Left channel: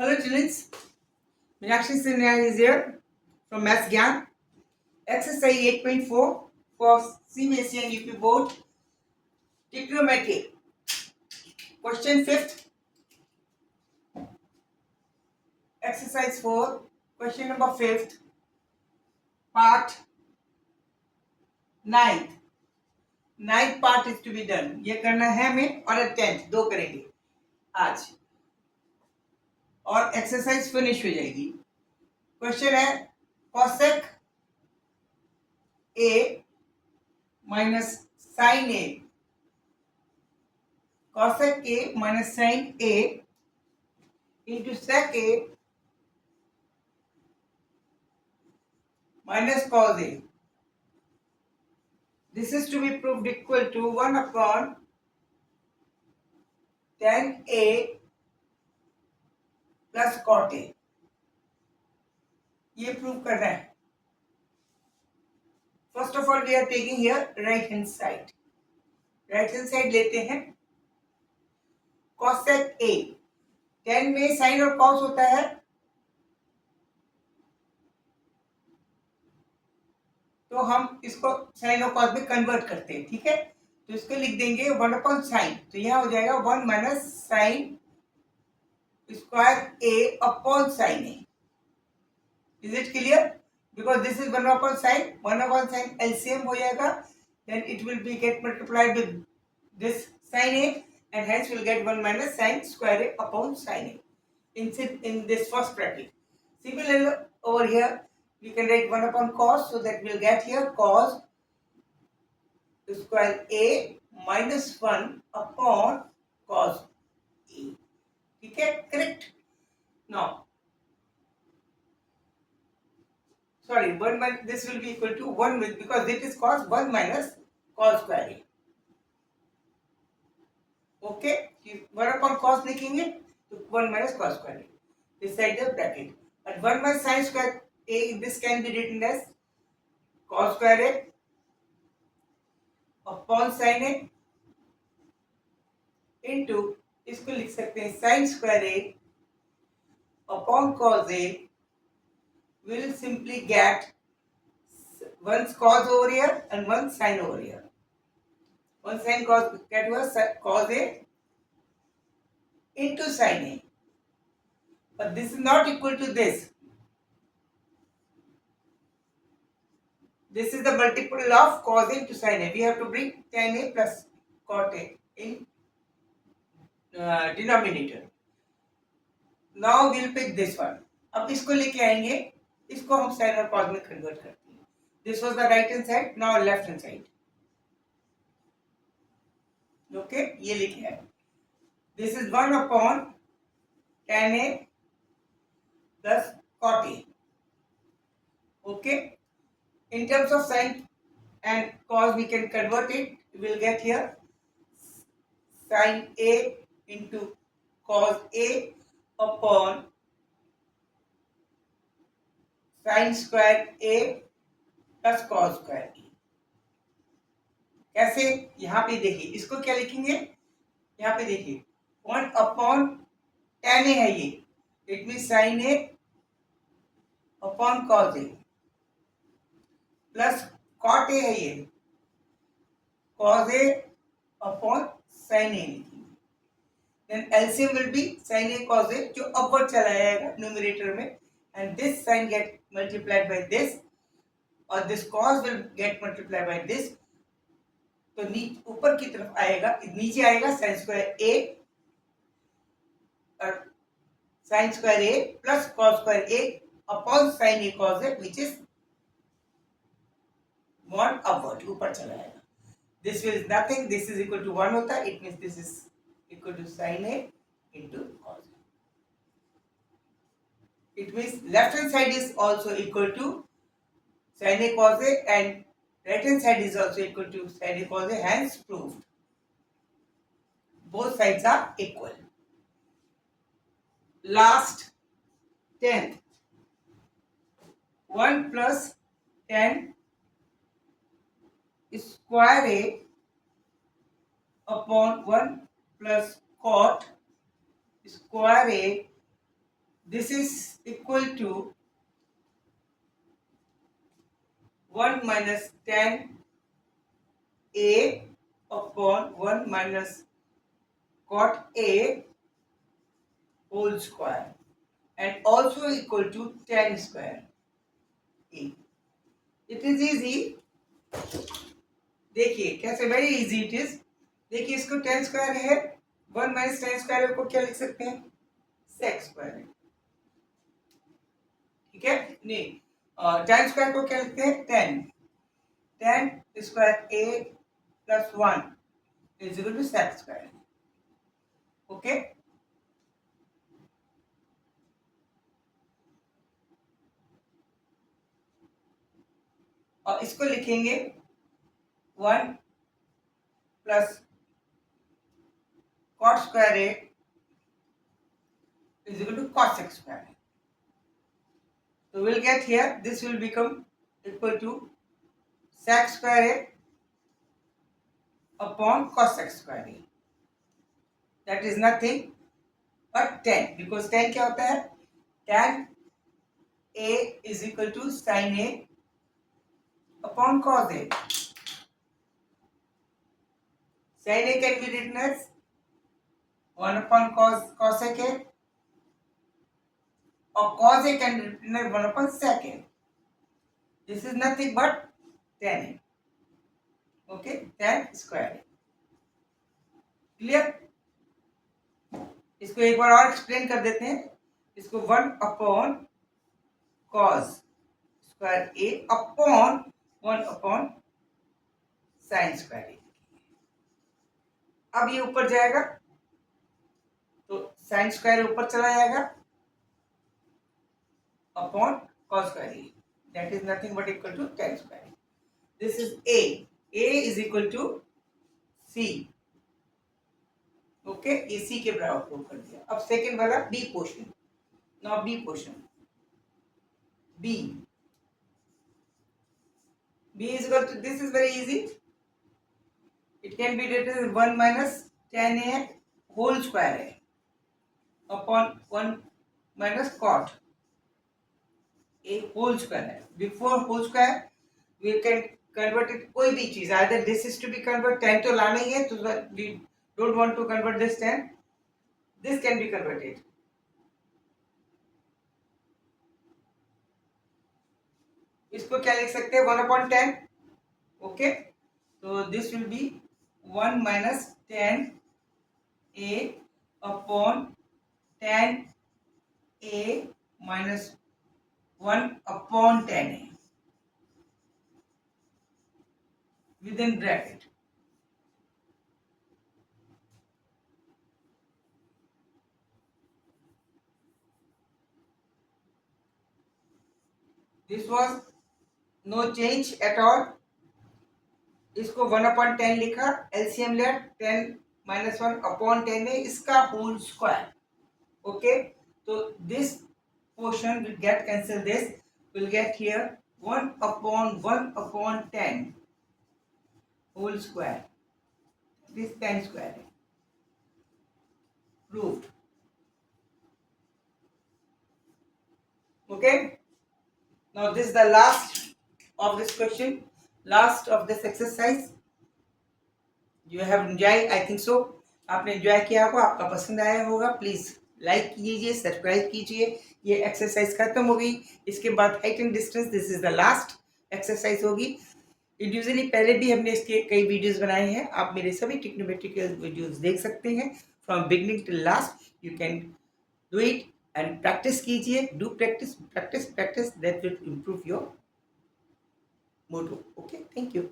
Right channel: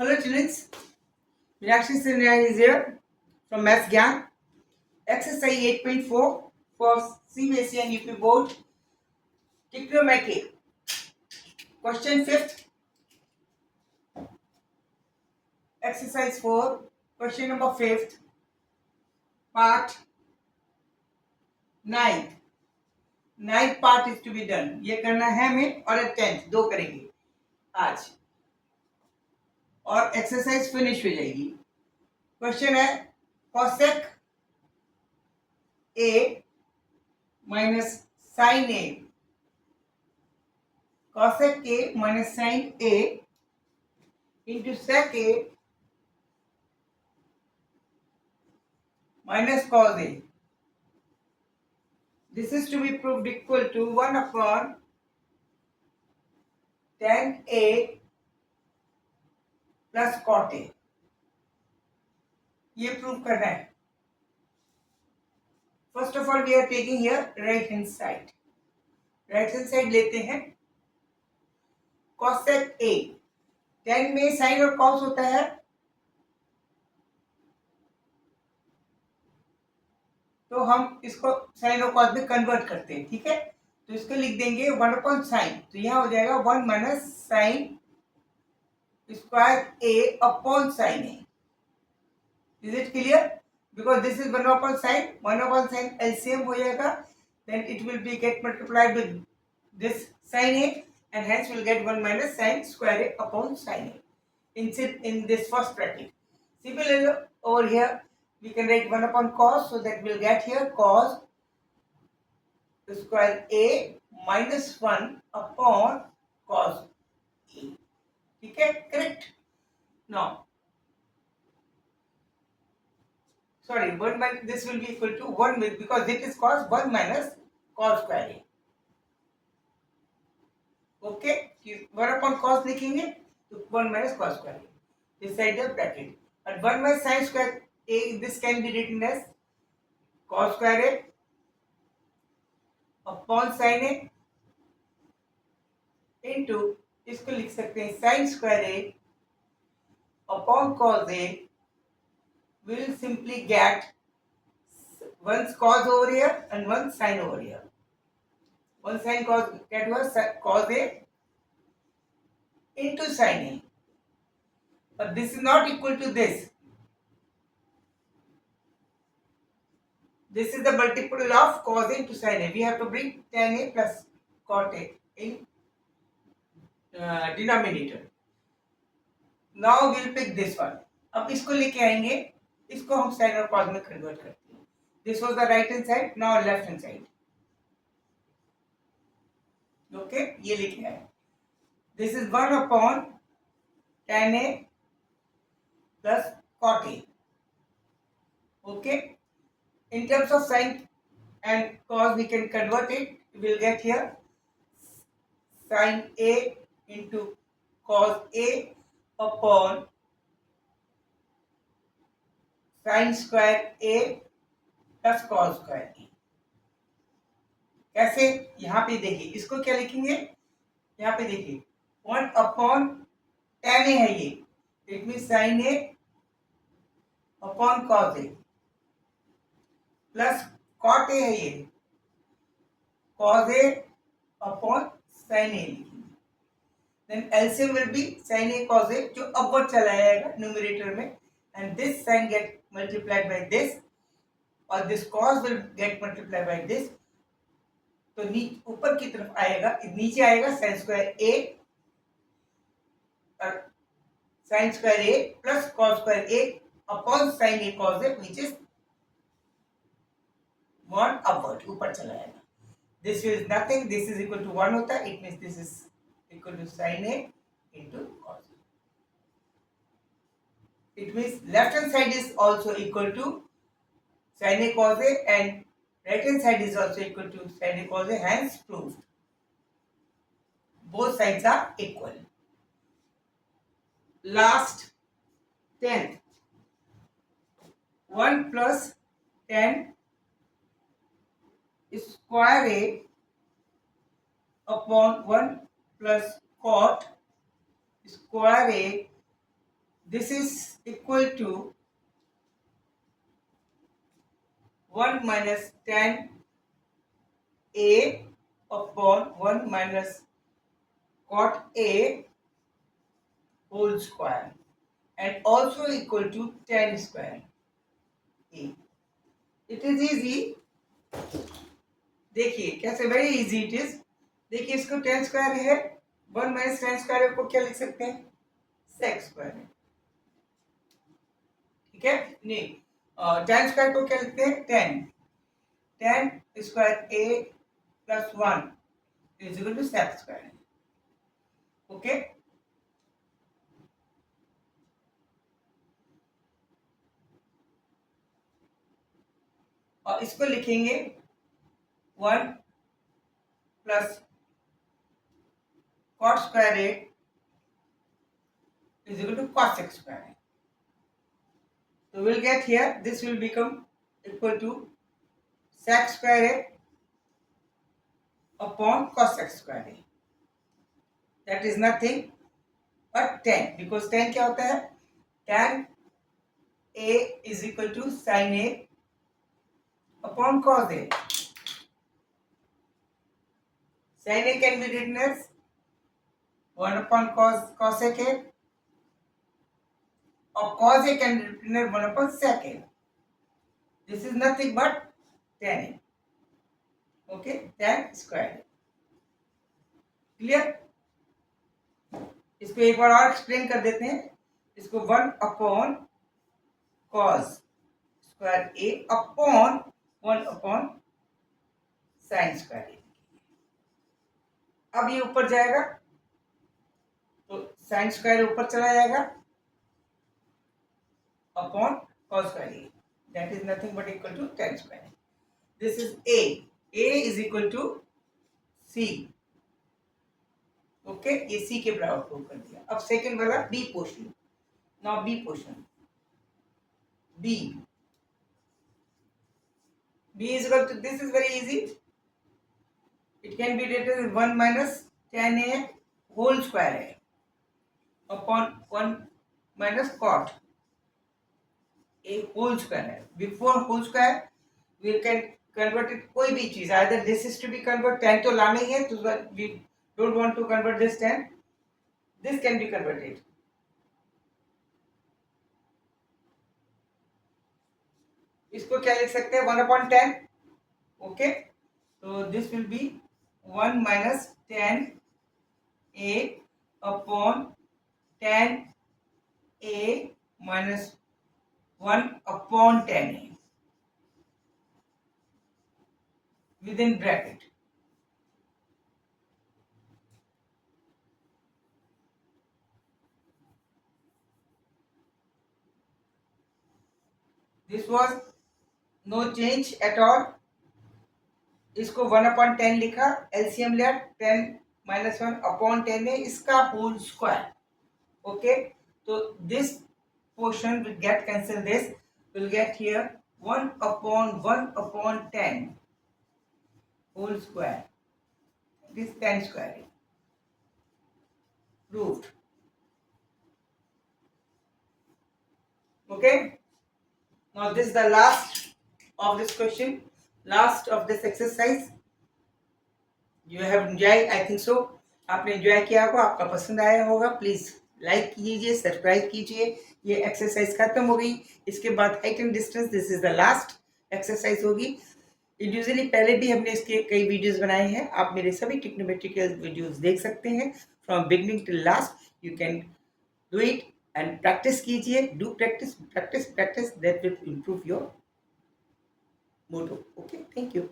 Hello students, Meenakshi Sinha is here from Maths Gyan. Exercise 8.4 for CBSE and UP Board. Trigonometry. Question 5th. Exercise 4. Question number 5th. Part 9th. 9th part is to be done. ये करना है हमें और 10th दो करेंगे आज और exercise finish हो जाएगी. क्वेश्चन है cosec A minus sin A. Cosec A minus sin A into sec A minus cos A. This is to be proved equal to 1 upon tan A plus cot A. ये prove करना है. First of all we are taking here right hand side. Right hand side लेते हैं. cosec A. tan में sine और cos होता है. तो हम इसको साइन और कॉस में कन्वर्ट करते हैं. ठीक है, तो इसको लिख देंगे 1 अपॉन साइन. तो यहां हो जाएगा 1 minus sine square A upon sine A. Is it clear? Because this is 1 upon sin, 1 upon sin LCM हो जाएगा, then it will be get multiplied with this sin A and hence we'll get 1 minus sin square A upon sin A in this first bracket. Similarly over here we can write 1 upon cos, so that we'll get here cos square A minus 1 upon cos A. ठीक है, correct? Now sorry, 1 minus this will be equal to 1 with, because this is cos 1 minus cos square A. Okay, 1 upon cos लिखेंगे तो 1 minus cos square A. This side the bracket. And 1 minus sin square A, this can be written as cos square A upon sin A into, इसको लिख सकते हैं sin square A upon cos A. Will simply get one cos over here and one sin over here. One sin cos, that was cos A into sin A. But this is not equal to this. This is the multiple of cos A into sin A. We have to bring tan A plus cot A in denominator. Now we'll pick this one. अब इसको लेके आएंगे, इसको हम sin और cos में convert करते हैं. This was the right hand side, now left hand side. Okay, ये लिखे आए. This is 1 upon tan A plus cot A. Okay, in terms of sin and cos we can convert it. We'll get here sin A into cos A upon sin square A plus cos square A. कैसे? यहाँ पे देखिए, इसको क्या लिखेंगे? यहाँ पे देखिए 1 अपॉन tan A है ये. It mean sin A upon cos A plus cot A है ये, cos A upon sin A लिखेंगे. Then LCM will be sin A cos A, जो अपवर्ड चला जाएगा न्यूमरेटर में, and this sin get multiplied by this और this cos will get multiplied by this. तो ऊपर की तरफ आएगा, नीचे आएगा sin square A और sin square A plus cos square A upon sin A cos A, which is 1 upward, ऊपर चला जाएगा. This is nothing, this is equal to 1 होता है. It means this is equal to sin A into cos A. It means left hand side is also equal to sin A cos A and right hand side is also equal to sin A cos A, hence proved. Both sides are equal. Last 10th. 1 plus tan square A upon 1 plus cot square A this is equal to 1 minus 10 a upon 1 minus cot a whole square and also equal to 10 square a. It is easy. देखिए कैसे, very easy it is. देखिए इसको 10 square है, 1 minus 10 square को क्या लिख सकते हैं, सेक स्क्वायर है. ठीक है, नहीं 10 स्क्वायर को क्या लिखते हैं, 10. 10 square a plus 1 is equal to sec square. Okay, और इसको लिखेंगे 1 प्लस cot square a is equal to cos x square a. So we'll get here, this will become equal to sec square a upon cos x square a. That is nothing but 10, because 10 क्या होता है, tan a is equal to sin a upon cos a. Sin a can be written as 1 upon cos a, or cos a can be written as 1 upon sec a. This is nothing but tan a. Okay, tan square a. Clear. इसको एक बार और explain कर देते हैं. इसको 1 upon cos square a upon 1 upon sine square a. अब ये ऊपर जाएगा तो साइन स्क्वायर ऊपर चला जाएगा upon cos square a. That is nothing but equal to tan square. This is a. a is equal to c. Okay, ये c के बराबर प्रूव कर दिया. अब सेकंड वाला b portion. Now b portion, b is equal to, this is very easy. It can be written as 1 minus tan a whole square a upon 1 minus cot a whole square. Before whole square we can convert it कोई भी चीज, either this is to be converted, 10 तो लाना ही है, तो we don't want to convert this 10. This can be converted. इसको क्या लिख सकते हैं, 1 upon 10. ओके, तो this will be 1 minus 10 a upon 10 a minus 1 upon 10 a within bracket. This was no change at all. इसको 1 upon 10 लिखा, LCM लिया, 10 minus 1 upon 10 है, इसका होल स्क्वायर. ओके, तो this portion will get cancel, this will get here 1 upon 10 whole square. This 10 square proved. Okay, now this is the last of this question, last of this exercise. You have enjoyed, I think so. आपने enjoy किया होगा, आपका पसंद आया होगा. Please like कीजिए, subscribe कीजिए. ये एक्सरसाइज खत्म हो गई. इसके बाद height and distance, this is the last exercise होगी. इंडिविजुअली पहले भी हमने इसके कई वीडियोस बनाए हैं. आप मेरे सभी ट्रिग्नोमेट्रिकल वीडियोस देख सकते हैं from beginning till last. You can do it and practice कीजिए. Do practice practice practice, that will improve your motto. Okay, thank you.